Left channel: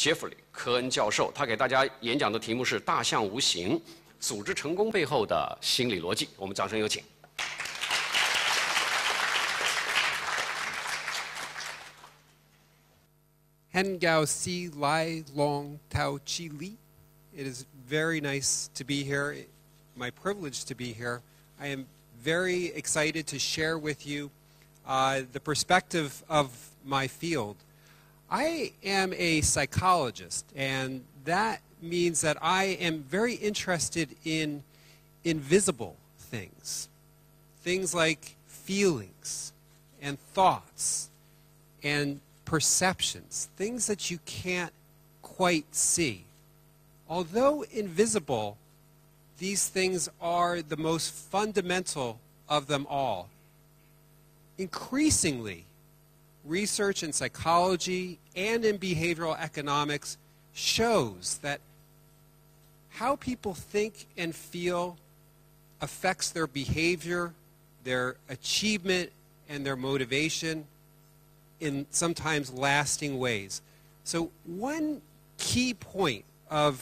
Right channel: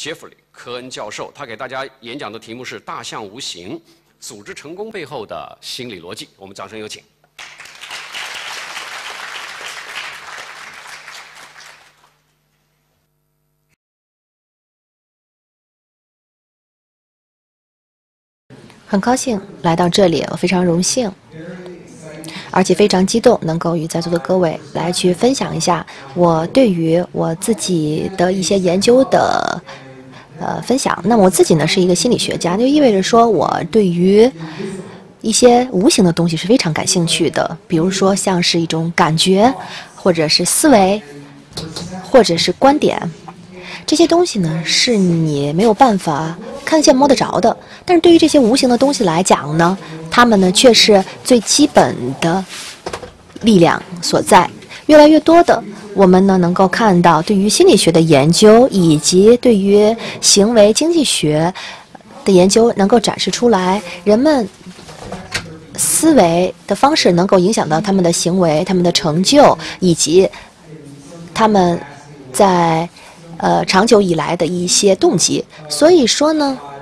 Geoffrey 科恩教授，他给大家演讲的题目是“大象无形：组织成功背后的心理邏辑”。我们掌声有请。很高兴来到这里，我非常荣幸，而且非常激动，能够与在座的各位来去分享一下我对于我自己的一些研究的分享。那么我自己呢是一个心理学家，就意味着说我对于一些无形的东西是非常感兴趣的，比如说像是一种感觉，或者是思维，或者是观点。这些东西呢，是你没有办法看得见摸得着的，但是对于这些无形的东西来讲呢，它们呢却是最基本的力量所在。越来越多的我们呢能够看到，对于心理学的研究以及对于行为经济学的研究能够展示出来，人们思维的方式能够影响到他们的行为、他们的成就以及他们在长久以来的一些动机。所以说呢，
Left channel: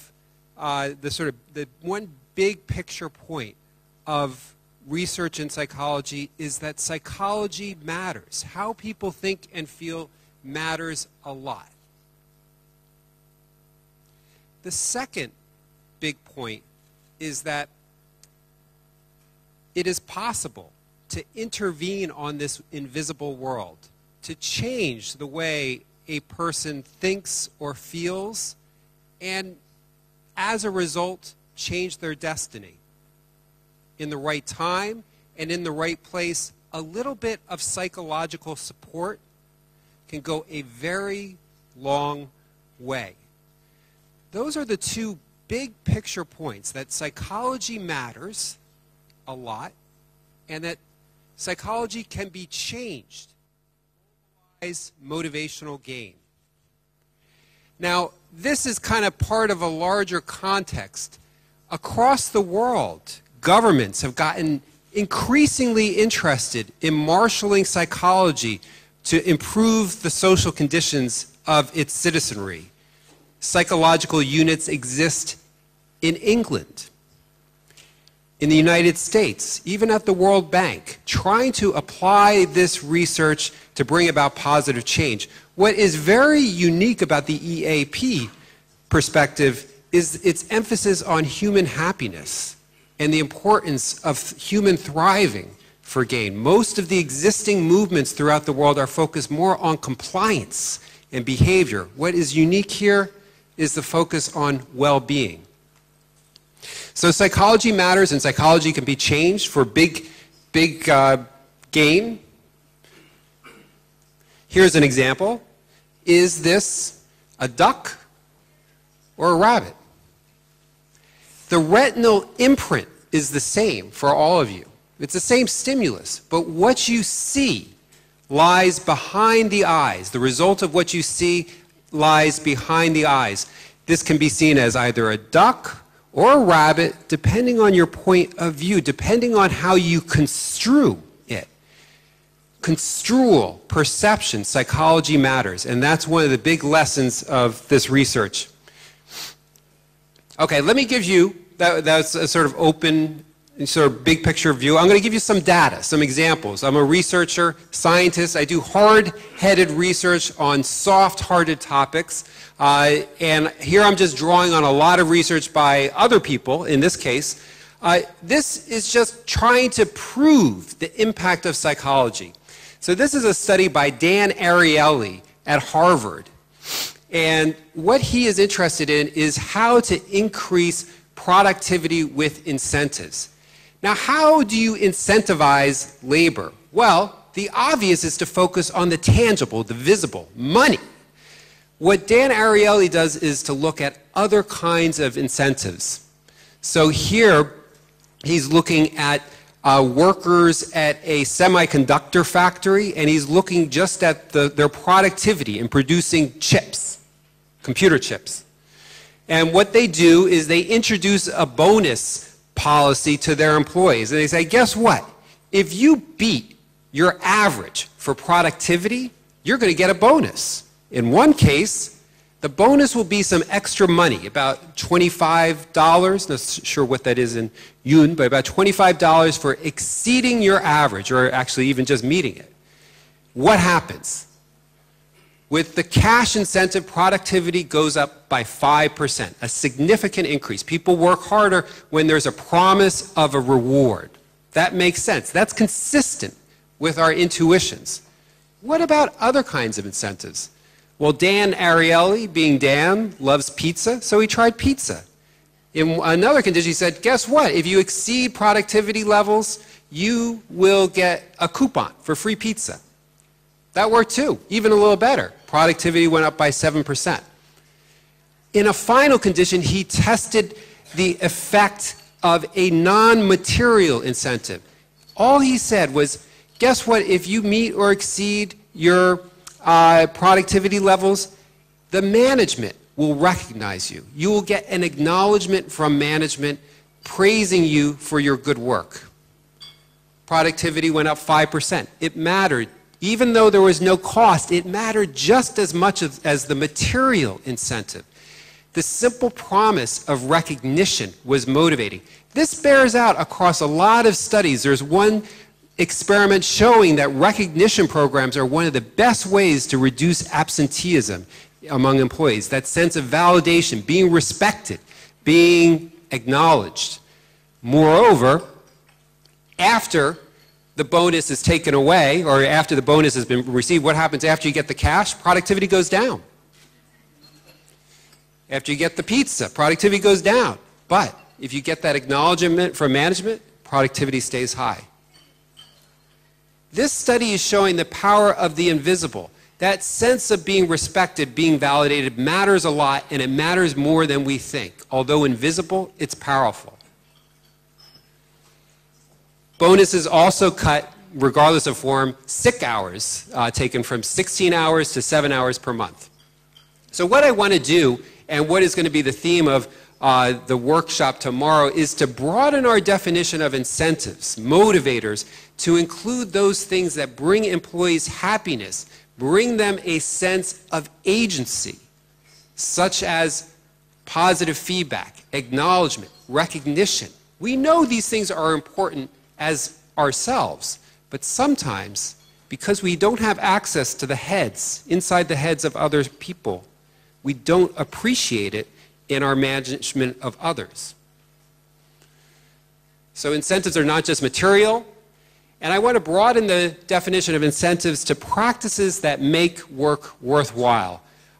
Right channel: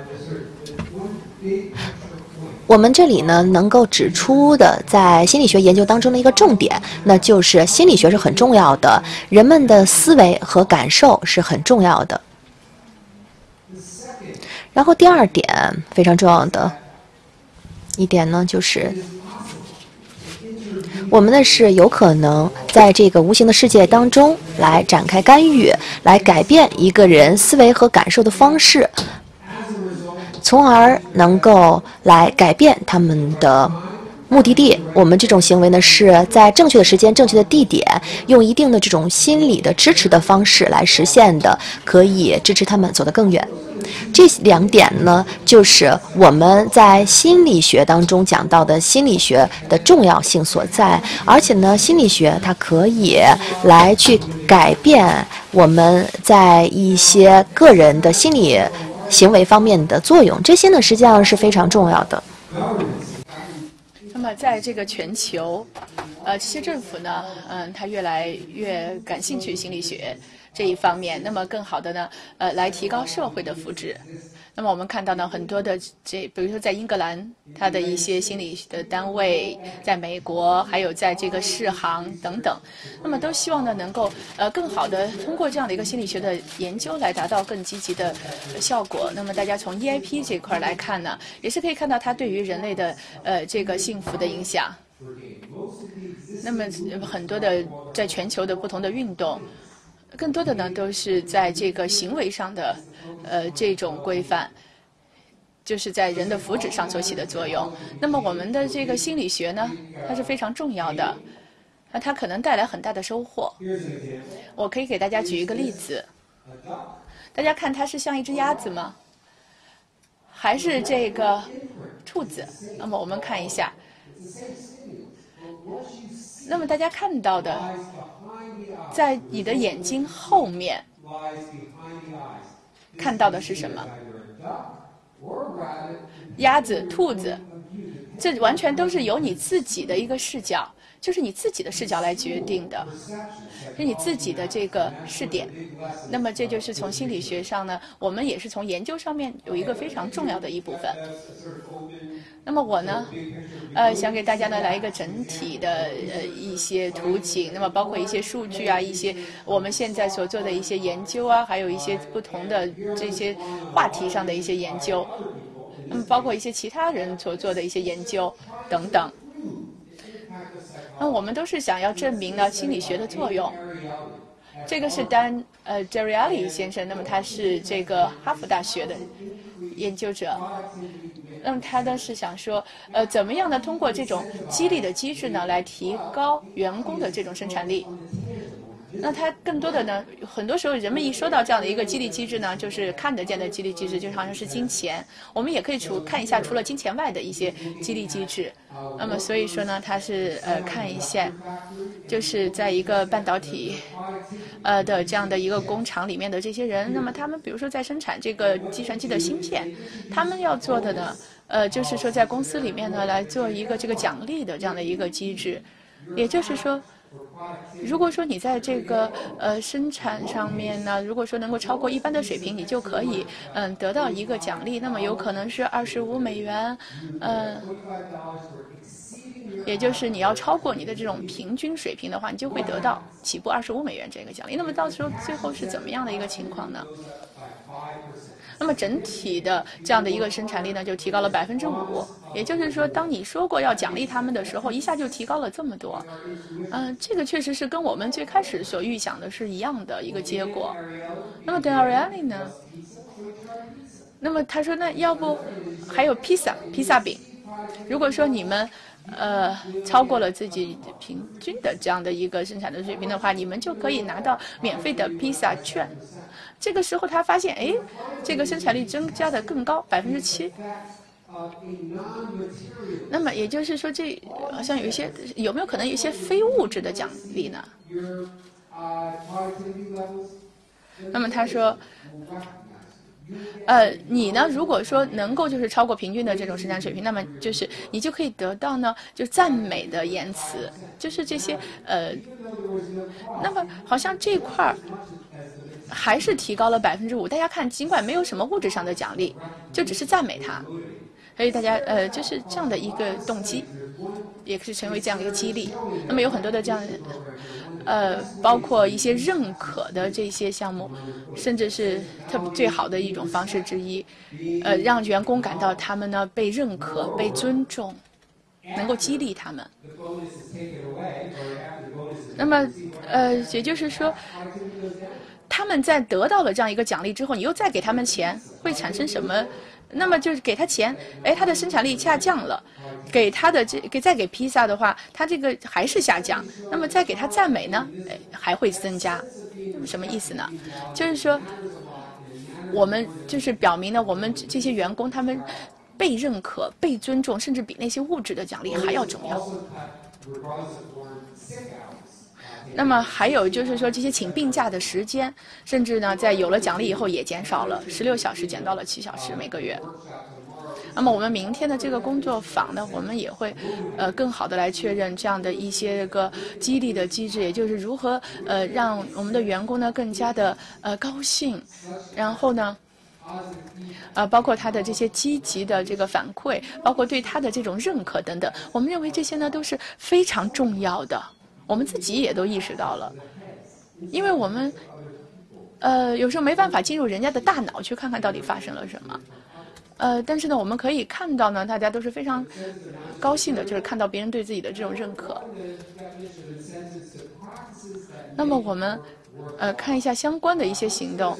我们这里呢能够指出的在心理学研究当中的一个重点，那就是心理学是很重要的，人们的思维和感受是很重要的。然后第二点非常重要的一点呢，就是我们呢是有可能在这个无形的世界当中来展开干预，来改变一个人思维和感受的方式，从而能够来改变他们的目的地。我们这种行为呢是在正确的时间、正确的地点，用一定的这种心理的支持的方式来实现的，可以支持他们走得更远。这两点呢，就是我们在心理学当中讲到的心理学的重要性所在。而且呢，心理学它可以来去改变我们在一些个人的心理行为方面的作用，这些呢实际上是非常重要的。Governments have gotten increasingly interested in marshalling psychology to improve the social conditions of its citizenry. Psychological units exist in England, in the United States, even at the World Bank, trying to apply this research to bring about positive change. What is very unique about the EAP perspective is its emphasis on human happiness and the importance of human thriving for gain. Most of the existing movements throughout the world are focused more on compliance and behavior. What is unique here is the focus on well-being. So psychology matters, and psychology can be changed for big gain. Here's an example. Is this a duck or a rabbit? The retinal imprint is the same for all of you. It's the same stimulus, but what you see lies behind the eyes. The result of what you see lies behind the eyes. This can be seen as either a duck or a rabbit, depending on your point of view, depending on how you construe it. Construal, perception, psychology matters, and that's one of the big lessons of this research. Okay, let me give you, that's a sort of open, sort of big picture view. I'm going to give you some data, some examples. I'm a researcher, scientist. I do hard-headed research on soft-hearted topics. And here I'm just drawing on a lot of research by other people, in this case. This is just trying to prove the impact of psychology. So this is a study by Dan Ariely at Harvard. And what he is interested in is how to increase productivity with incentives. Now, how do you incentivize labor? Well, the obvious is to focus on the tangible, the visible, money. What Dan Ariely does is to look at other kinds of incentives. So here, he's looking at workers at a semiconductor factory, and he's looking just at their productivity in producing chips, computer chips. And what they do is they introduce introduce a bonus policy to their employees. And they say, guess what? If you beat your average for productivity, you're going to get a bonus. In one case, the bonus will be some extra money, about $25. Not sure what that is in yuan, but about $25 for exceeding your average, or actually even just meeting it. What happens? With the cash incentive, productivity goes up by 5%, a significant increase. People work harder when there's a promise of a reward. That makes sense. That's consistent with our intuitions. What about other kinds of incentives? Well, Dan Ariely, being Dan, loves pizza, so he tried pizza. In another condition, he said, guess what? If you exceed productivity levels, you will get a coupon for free pizza. That worked too, even a little better. Productivity went up by 7%. In a final condition, he tested the effect of a non-material incentive. All he said was, guess what? If you meet or exceed your productivity levels, the management will recognize you. You will get an acknowledgement from management praising you for your good work. Productivity went up 5%. It mattered. Even though there was no cost, it mattered just as much as the material incentive. The simple promise of recognition was motivating. This bears out across a lot of studies. There's one experiment showing that recognition programs are one of the best ways to reduce absenteeism among employees. That sense of validation, being respected, being acknowledged. Moreover, after the bonus is taken away, or after the bonus has been received, what happens after you get the cash? Productivity goes down. After you get the pizza, productivity goes down. But if you get that acknowledgement from management, productivity stays high. This study is showing the power of the invisible. That sense of being respected, being validated matters a lot, and it matters more than we think. Although invisible, it's powerful. Bonuses also cut, regardless of form, sick hours, taken from 16 hours to 7 hours per month. So what I want to do, and what is going to be the theme of the workshop tomorrow, is to broaden our definition of incentives, motivators, to include those things that bring employees happiness, bring them a sense of agency, such as positive feedback, acknowledgement, recognition. We know these things are important as ourselves, but sometimes, because we don't have access to the heads, inside the heads of other people, we don't appreciate it in our management of others. So incentives are not just material, and I want to broaden the definition of incentives to practices that make work worthwhile.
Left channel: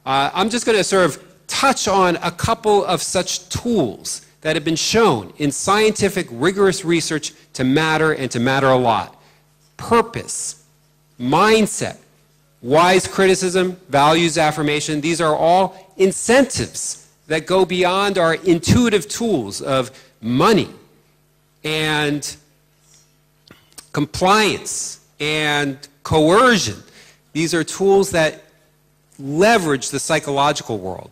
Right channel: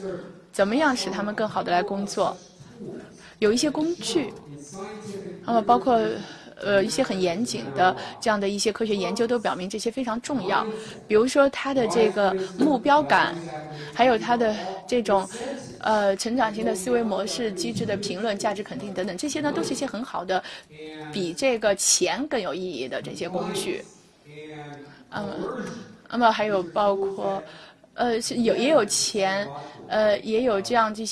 I'm just going to sort of touch on a couple of such tools that have been shown in scientific, rigorous research to matter, and to matter a lot. Purpose, mindset, wise criticism, values affirmation, these are all incentives that go beyond our intuitive tools of money and compliance and coercion. These are tools that leverage the psychological world of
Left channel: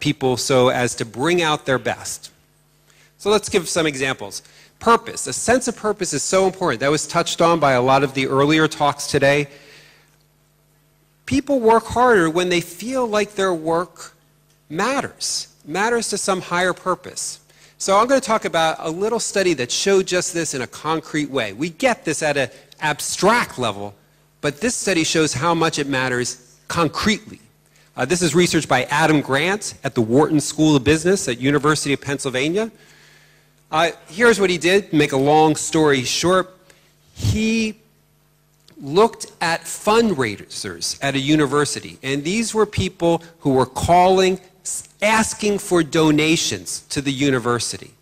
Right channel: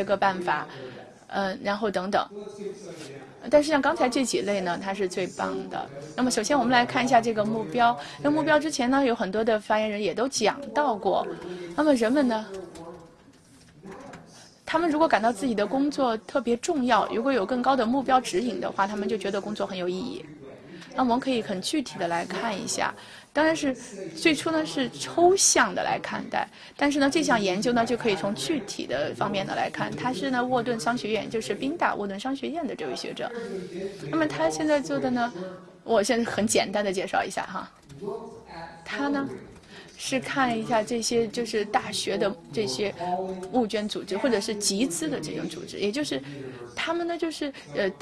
people so as to bring out their best. So let's give some examples. Purpose. A sense of purpose is so important. That was touched on by a lot of the earlier talks today. People work harder when they feel like their work matters to some higher purpose. So I'm going to talk about a little study that showed just this in a concrete way. We get this at an abstract level, but this study shows how much it matters concretely. This is research by Adam Grant at the Wharton School of Business at University of Pennsylvania. Here's what he did, to make a long story short. He looked at fundraisers at a university, and these were people who were calling, asking for donations to the university.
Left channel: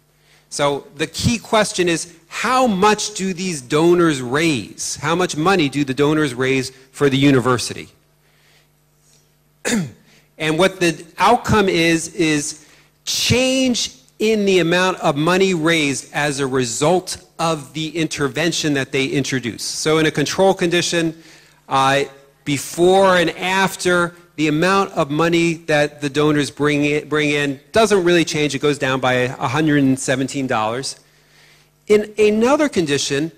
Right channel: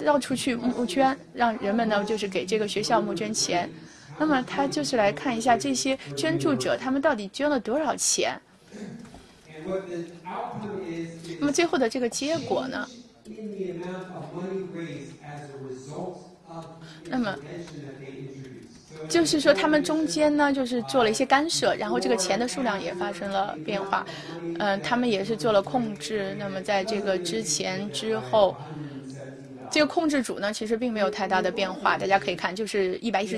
So the key question is, how much do these donors raise? How much money do the donors raise for the university? And what the outcome is change in the amount of money raised as a result of the intervention that they introduced. So in a control condition, before and after the amount of money that the donors bring in doesn't really change. It goes down by $117. In another condition,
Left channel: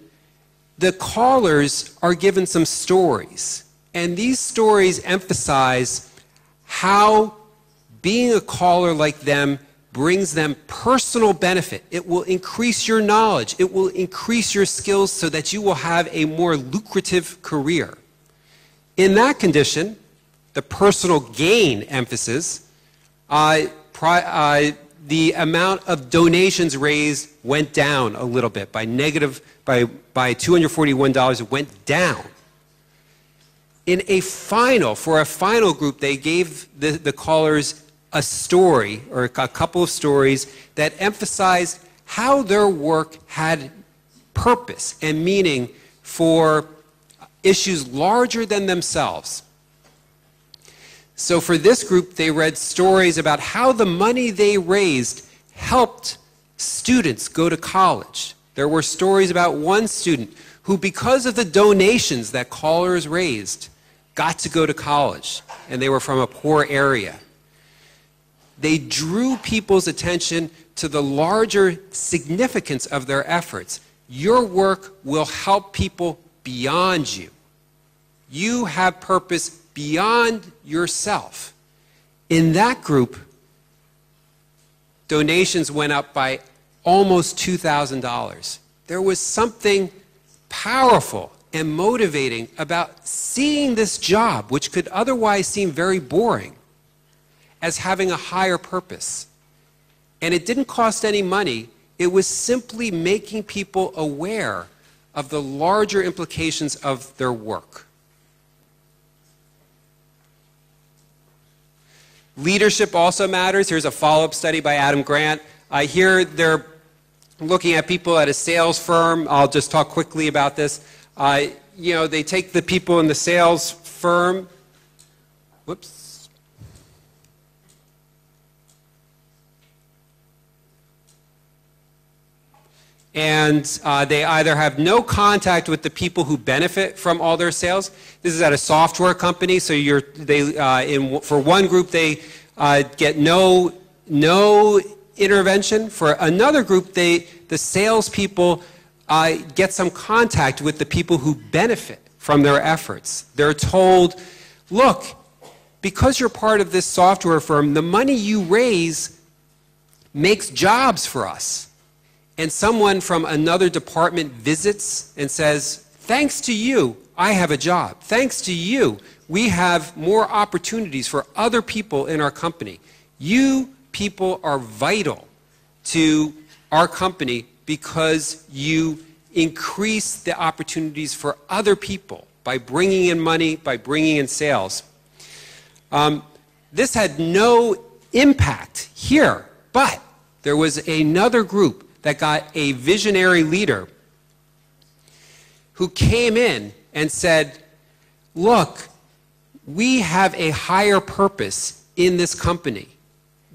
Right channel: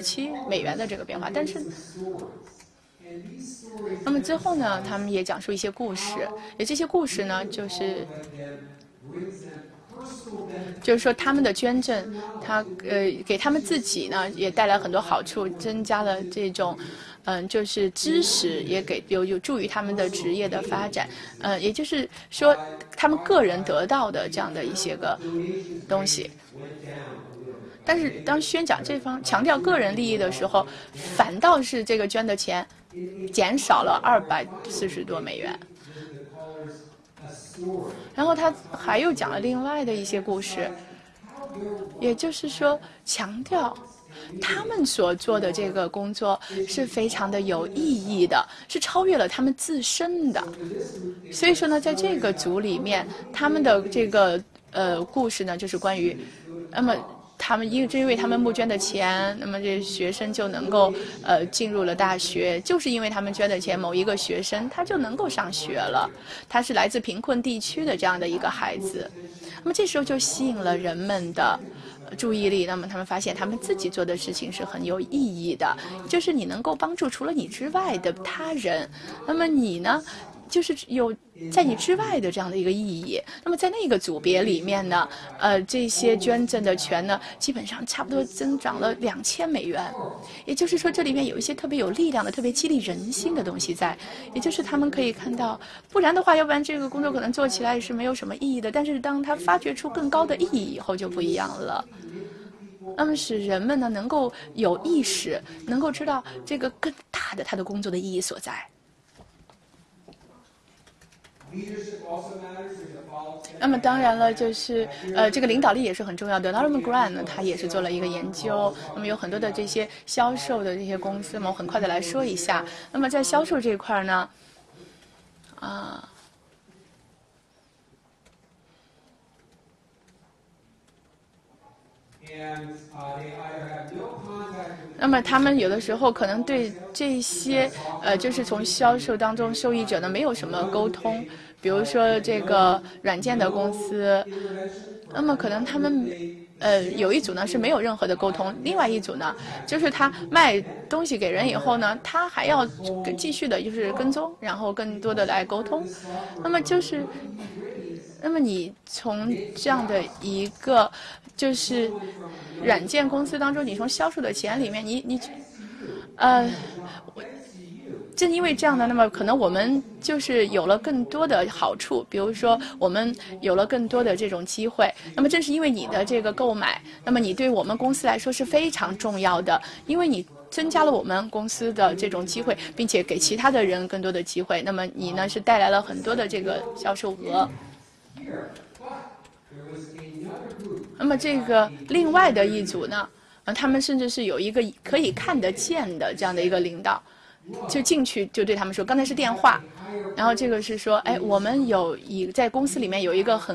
the callers are given some stories, and these stories emphasize how being a caller like them brings them personal benefit. It will increase your knowledge. It will increase your skills so that you will have a more lucrative career. In that condition, the personal gain emphasis, the amount of donations raised went down a little bit by $241. It went down. For a final group, they gave the callers a story or a couple of stories that emphasized how their work had purpose and meaning for issues larger than themselves. So for this group, they read stories about how the money they raised helped students go to college. There were stories about one student who, because of the donations that callers raised, got to go to college, and they were from a poor area. They drew people's attention to the larger significance of their efforts. Your work will help people beyond you. You have purpose beyond yourself. In that group, donations went up by almost $2,000. There was something powerful and motivating about seeing this job, which could otherwise seem very boring, as having a higher purpose. And it didn't cost any money. It was simply making people aware of the larger implications of their work. Leadership also matters. Here's a follow-up study by Adam Grant. Here they're looking at people at a sales firm. I'll just talk quickly about this. They take the people in the sales firm. Whoops. And they either have no contact with the people who benefit from all their sales. This is at a software company, so for one group they get no intervention. For another group, the salespeople get some contact with the people who benefit from their efforts. They're told, look, because you're part of this software firm, the money you raise makes jobs for us. And someone from another department visits and says, thanks to you, I have a job. Thanks to you, we have more opportunities for other people in our company. You people are vital to our company because you increase the opportunities for other people by bringing in money, by bringing in sales. This had no impact here, but there was another group that got a visionary leader who came in and said, look, we have a higher purpose in this company.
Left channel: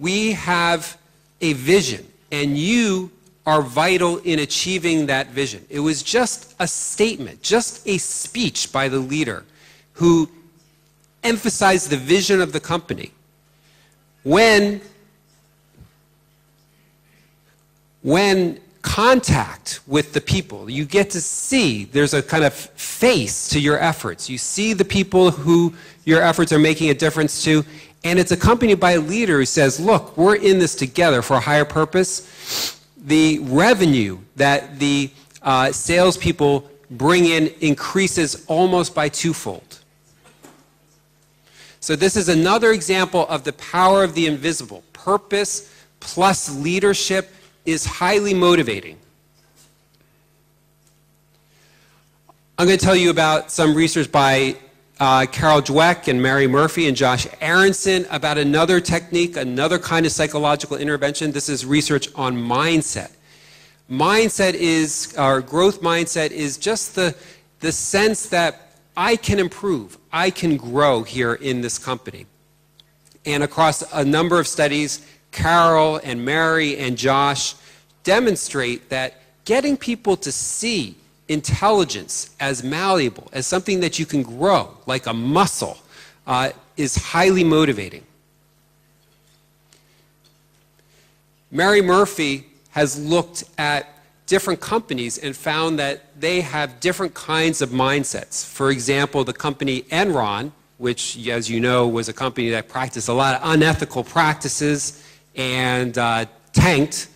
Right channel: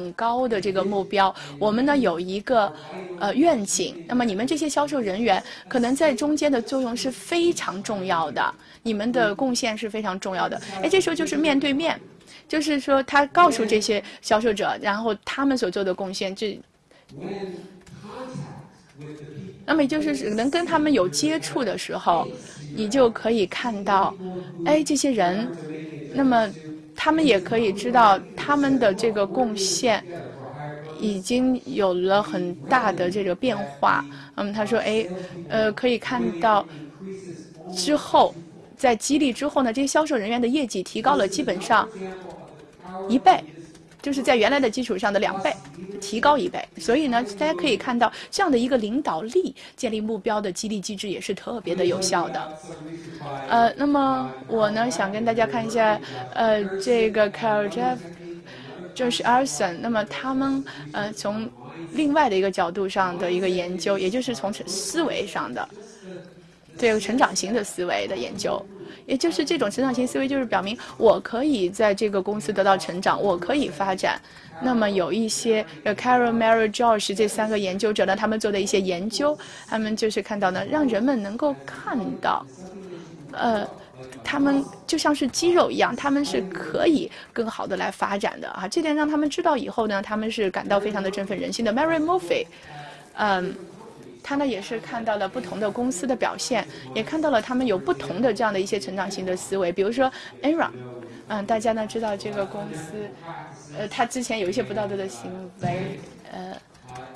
We have a vision, and you are vital in achieving that vision. It was just a statement, just a speech by the leader who emphasized the vision of the company. When contact with the people, you get to see there's a kind of face to your efforts. You see the people who your efforts are making a difference to, and it's accompanied by a leader who says, look, we're in this together for a higher purpose. The revenue that the salespeople bring in increases almost by twofold. So this is another example of the power of the invisible. Purpose plus leadership is highly motivating. I'm going to tell you about some research by Carol Dweck and Mary Murphy and Josh Aronson about another technique, another kind of psychological intervention. This is research on mindset. Mindset is, our growth mindset is just the sense that I can improve, I can grow here in this company. And across a number of studies, Carol and Mary and Josh demonstrate that getting people to see intelligence as malleable, as something that you can grow, like a muscle, is highly motivating. Mary Murphy has looked at different companies and found that they have different kinds of mindsets. For example, the company Enron, which, as you know, was a company that practiced a lot of unethical practices and tanked,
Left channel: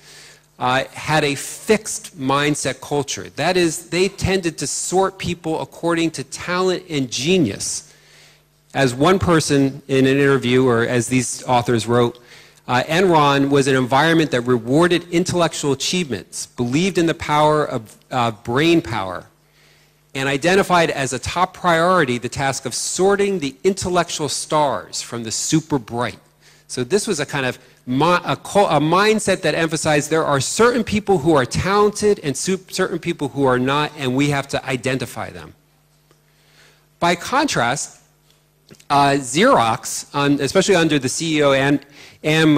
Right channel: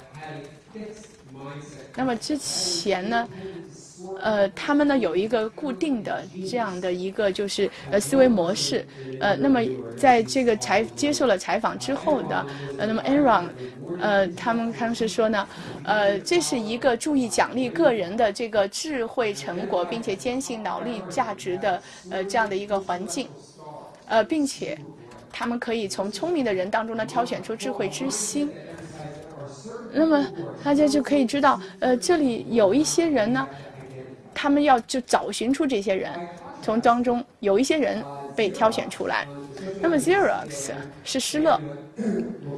had a fixed mindset culture. That is, they tended to sort people according to talent and genius. As one person in an interview, or as these authors wrote, Enron was an environment that rewarded intellectual achievements, believed in the power of brain power, and identified as a top priority the task of sorting the intellectual stars from the super bright. So this was a kind of a mindset that emphasized there are certain people who are talented and certain people who are not, and we have to identify them. By contrast, Xerox, especially under the CEO Anne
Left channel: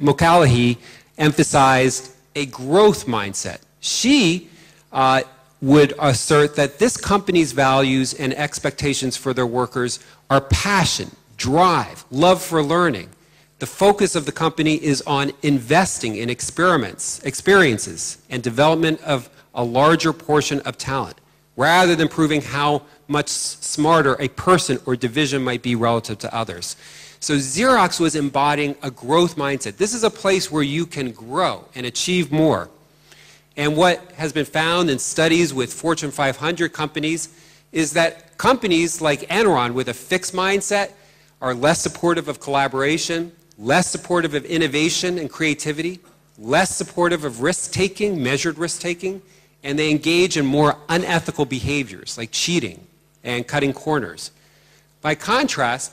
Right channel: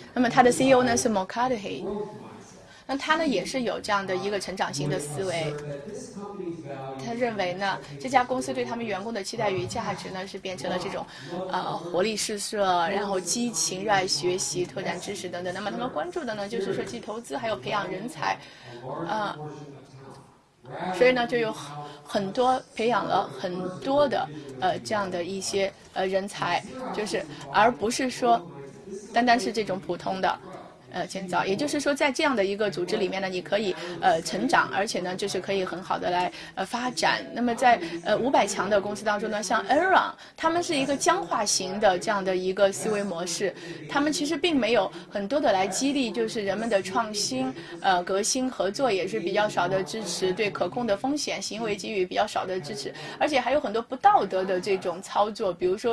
Mulcahy, emphasized a growth mindset. She would assert that this company's values and experiences for their workers are passion, drive, love for learning. The focus of the company is on investing in experiences, and development of a larger portion of talent, rather than proving how much smarter a person or division might be relative to others. So Xerox was embodying a growth mindset. This is a place where you can grow and achieve more. And what has been found in studies with Fortune 500 companies is that companies like Enron with a fixed mindset are less supportive of collaboration, less supportive of innovation and creativity, less supportive of risk-taking, measured risk-taking, and they engage in more unethical behaviors like cheating and cutting corners. By contrast,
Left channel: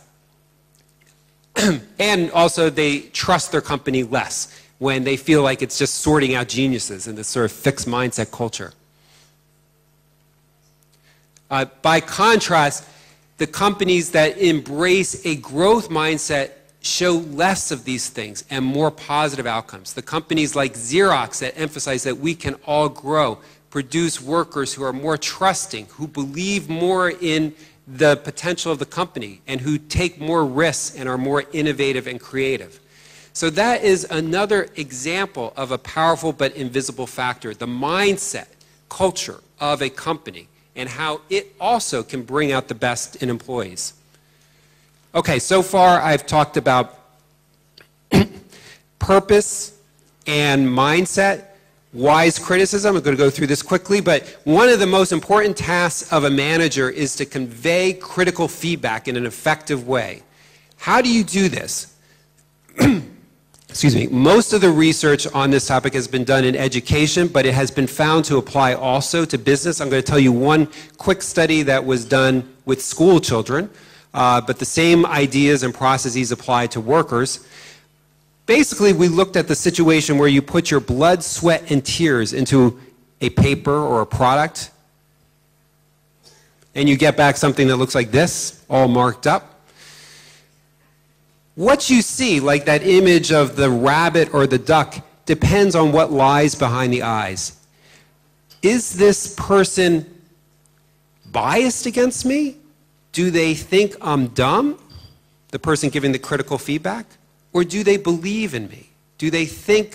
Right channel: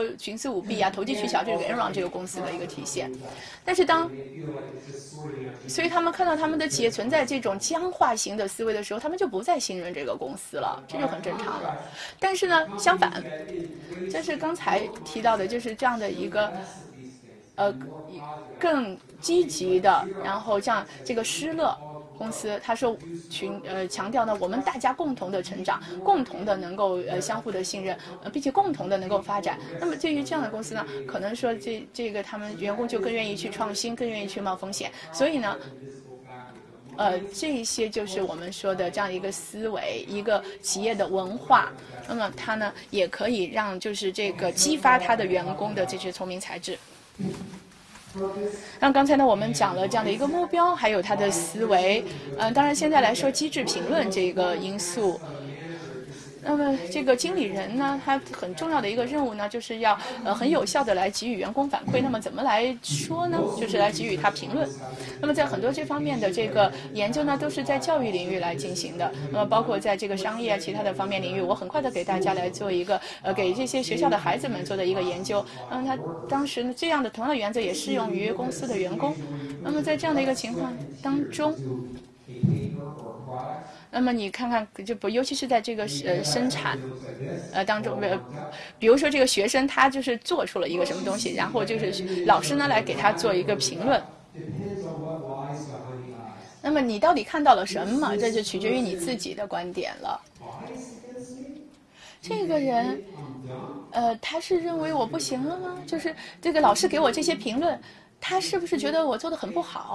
and also they trust their company less when they feel like it's just sorting out geniuses in this sort of fixed mindset culture. By contrast, the companies that embrace a growth mindset show less of these things and more positive outcomes. The companies like Xerox that emphasize that we can all grow, produce workers who are more trusting, who believe more in the potential of the company, and who take more risks and are more innovative and creative. So that is another example of a powerful but invisible factor, the mindset, culture of a company, and how it also can bring out the best in employees. Okay, so far I've talked about purpose and mindset, wise criticism. I'm going to go through this quickly, but one of the most important tasks of a manager is to convey critical feedback in an effective way. How do you do this? Excuse me. Most of the research on this topic has been done in education, but it has been found to apply also to business. I'm going to tell you one quick study that was done with school children, but the same ideas and processes apply to workers. Basically, we looked at the situation where you put your blood, sweat, and tears into a paper or a product, and you get back something that looks like this, all marked up. What you see, like that image of the rabbit or the duck, depends on what lies behind the eyes. Is this person biased against me? Do they think I'm dumb, the person giving the critical feedback? Or do they believe in me? Do they think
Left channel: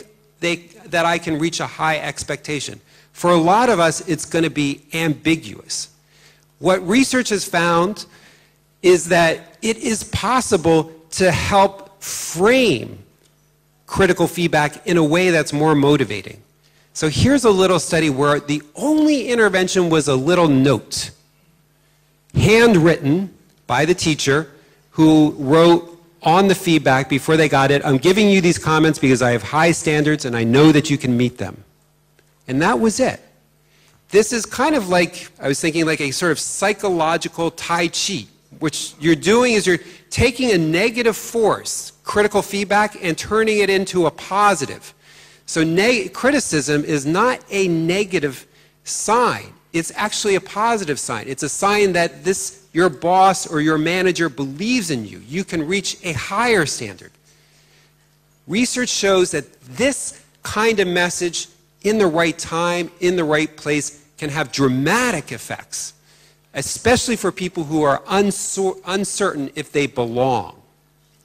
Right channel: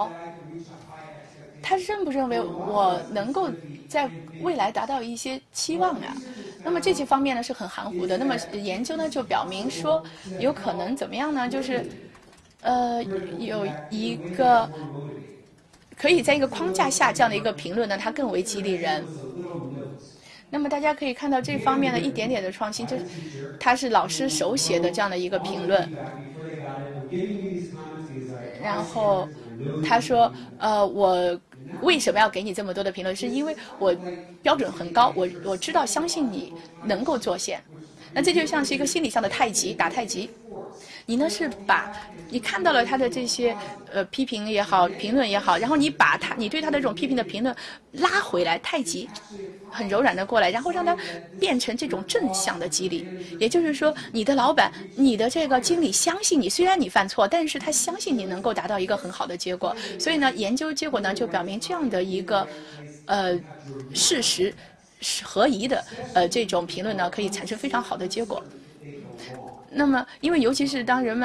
that I can reach a high expectation? For a lot of us, it's going to be ambiguous. What research has found is that it is possible to help frame critical feedback in a way that's more motivating. So here's a little study where the only intervention was a little note, handwritten by the teacher who wrote on the feedback before they got it, I'm giving you these comments because I have high standards and I know that you can meet them. And that was it. This is kind of like, I was thinking like a sort of psychological Tai Chi. Which you're doing is you're taking a negative force, critical feedback, and turning it into a positive. So criticism is not a negative sign. it's actually a positive sign. It's a sign that your boss or your manager believes in you. You can reach a higher standard. Research shows that this kind of message in the right time, in the right place, can have dramatic effects, especially for people who are uncertain if they belong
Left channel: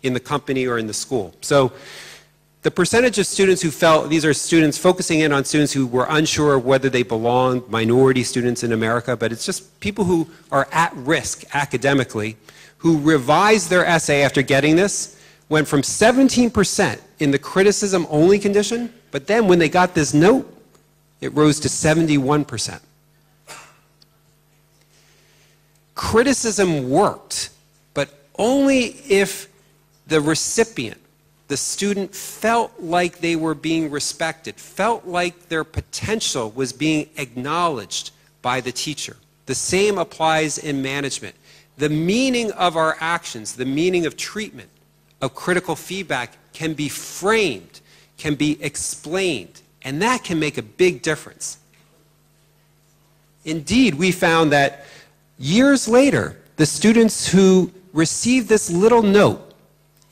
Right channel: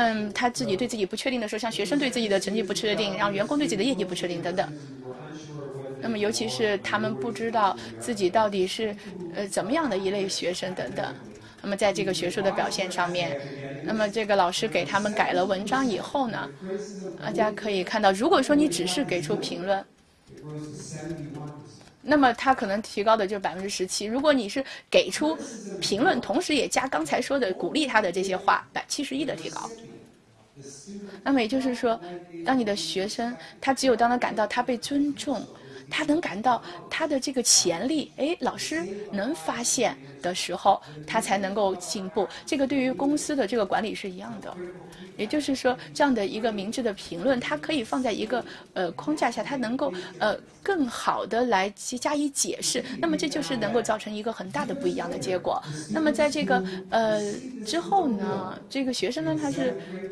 in the company or in the school. So the percentage of students who felt, these are students focusing in on students who were unsure of whether they belong, minority students in America, but it's just people who are at risk academically, who revised their essay after getting this, went from 17% in the criticism-only condition, but then when they got this note, it rose to 71%. Criticism works, but only if the recipient, the student, felt like they were being respected, felt like their potential was being acknowledged by the teacher. The same applies in management. The meaning of our actions, the meaning of treatment, of critical feedback can be framed, can be explained, and that can make a big difference. Indeed, we found that years later, the students who received this little note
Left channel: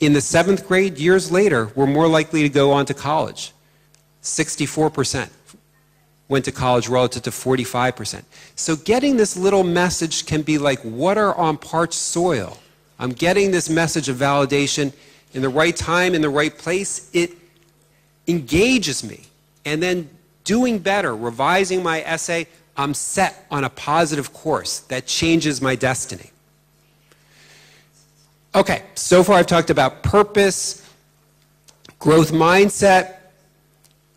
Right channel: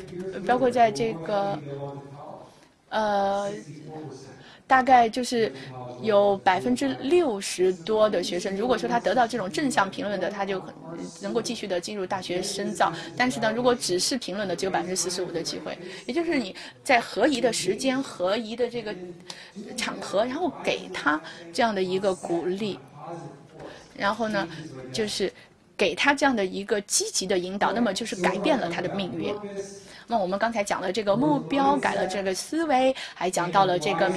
in the 7th grade, years later, were more likely to go on to college. 64% went to college relative to 45%. So getting this little message can be like water on parched soil. I'm getting this message of validation in the right time, in the right place. It engages me. And then doing better, revising my essay, I'm set on a positive course that changes my destiny. Okay, so far I've talked about purpose, growth mindset,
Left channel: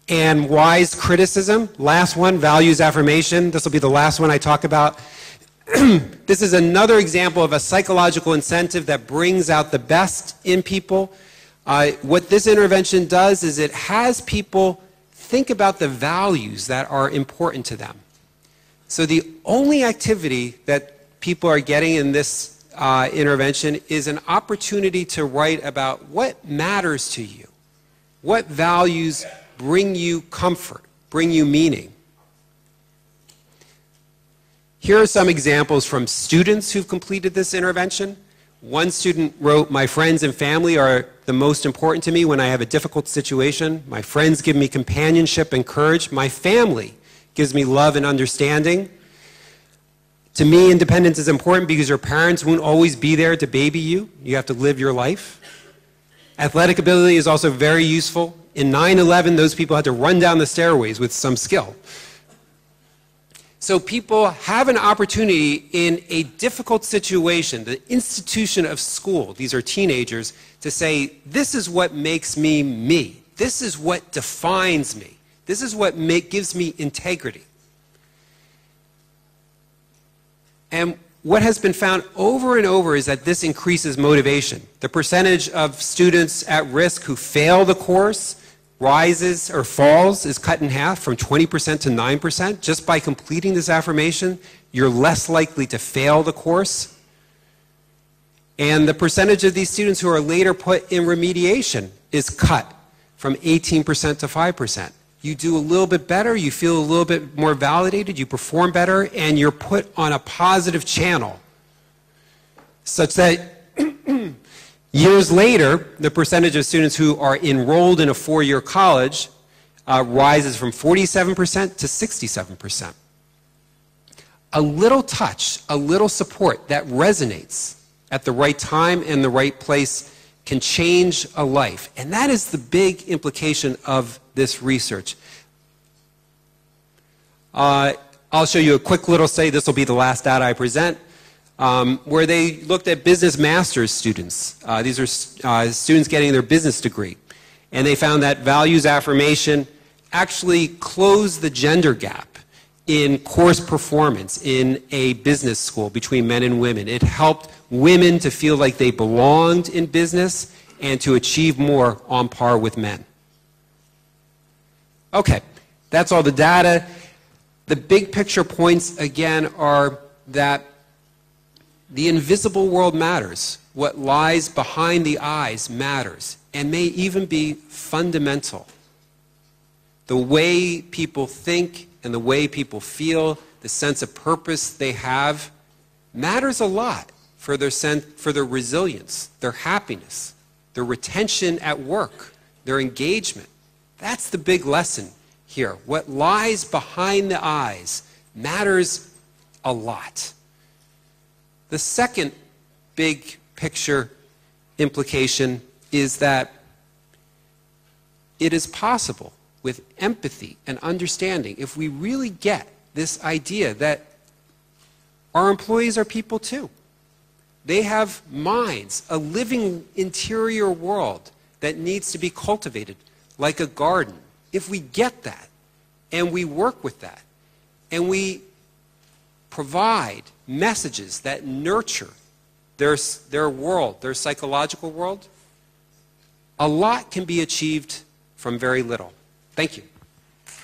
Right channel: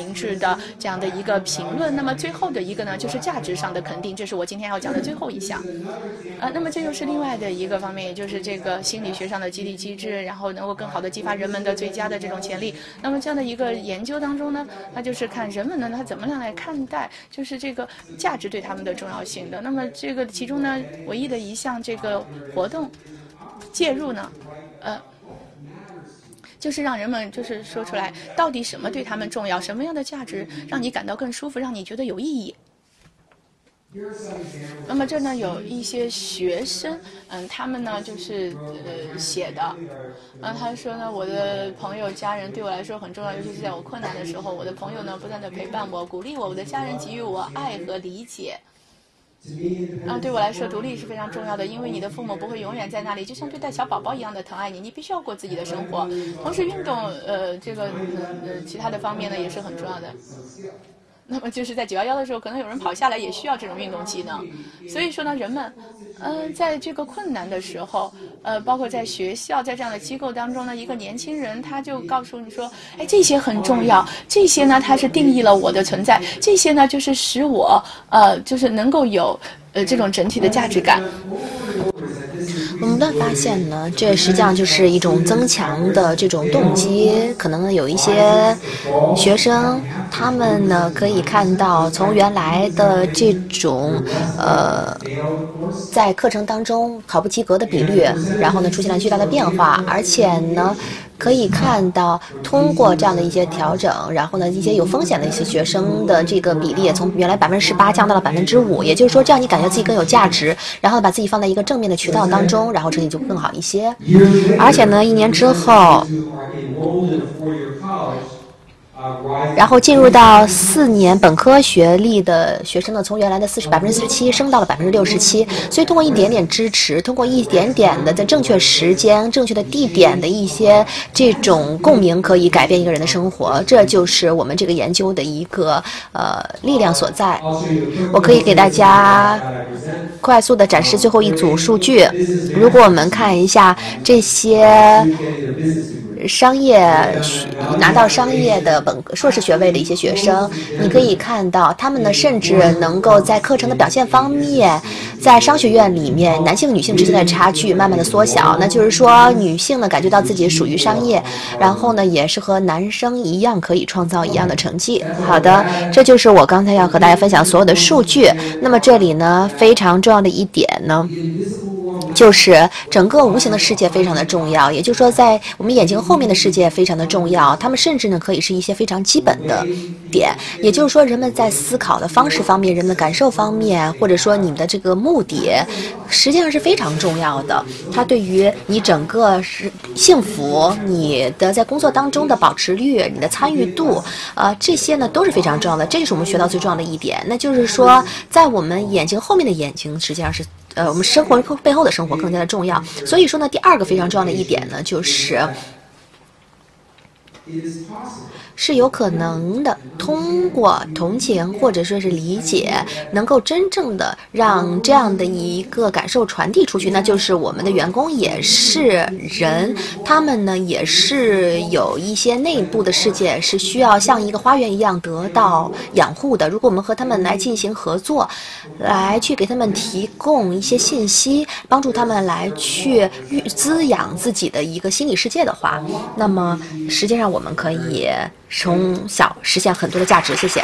and wise criticism. Last one, values affirmation. This will be the last one I talk about. This is another example of a psychological incentive that brings out the best in people. What this intervention does is it has people think about the values that are important to them. So the only activity that people are getting in this intervention is an opportunity to write about what matters to you, what values bring you comfort, bring you meaning. Here are some examples from students who completed this intervention. One student wrote, "My friends and family are the most important to me when I have a difficult situation. My friends give me companionship and courage. My family gives me love and understanding. To me, independence is important because your parents won't always be there to baby you. You have to live your life. Athletic ability is also very useful. In 9/11, those people had to run down the stairways with some skill." So people have an opportunity in a difficult situation, the institution of school, these are teenagers, to say, this is what makes me me. This is what defines me. This is what gives me integrity. What has been found over and over is that this increases motivation. The percentage of students at risk who fail the course rises or falls is cut in half from 20% to 9%. Just by completing this affirmation, you're less likely to fail the course. And the percentage of these students who are later put in remediation is cut from 18% to 5%. You feel a little bit better, you feel a little bit more valued, you perform better, and you're 自己更有价值，然后把自己放在一个正面的渠道当中，然后成绩就更好一些。而且呢，1年之后，然后进入到4年本科学历的学生呢，从原来的47%升到了67%，所以通过一点点支持，通过一点点的在正确时间、正确的地点的一些这种共鸣，可以改变一个人的生活。这就是我们这个研究的一个力量所在。我可以给大家快速的展示最后一组数据。如果我们看一下这些商业拿到商业的硕士学位的一些学生，你可以看到他们呢，甚至能够在课程的表现方面，在商学院里面，男性女性之间的差距慢慢的缩小。那就是说，女性呢感觉到自己属于商业，然后呢也是和男生一样可以创造一样的成绩。好的，这就是我刚才要和大家分享所有的数据。那么这里呢非常重要的一点呢，就是整个无形的世界非常的重要，也就是说，在我们眼睛后面的世界非常的重要。他们甚至呢可以是一些非常基本的点，也就是说，人们在思考的方式方面、人们的感受方面，或者说你的这个目的，实际上是非常重要的。它对于你整个幸福、你的在工作当中的保持率、你的参与度，这些呢都是非常重要的。这是我们学到最重要的一点，那就是说，在我们眼睛后面的眼睛，实际上是。我们生活背后的生活更加的重要。所以说呢，第二个非常重要的一点呢，是有可能的，通过同情或者说是理解，能够真正的让这样的一个感受传递出去。那就是我们的员工也是人，他们呢也是有一些内部的世界，是需要像一个花园一样得到养护的。如果我们和他们来进行合作，来去给他们提供一些信息，帮助他们来去滋养自己的一个心理世界的话，那么实际上我们可以从小实现很多的价值。谢谢。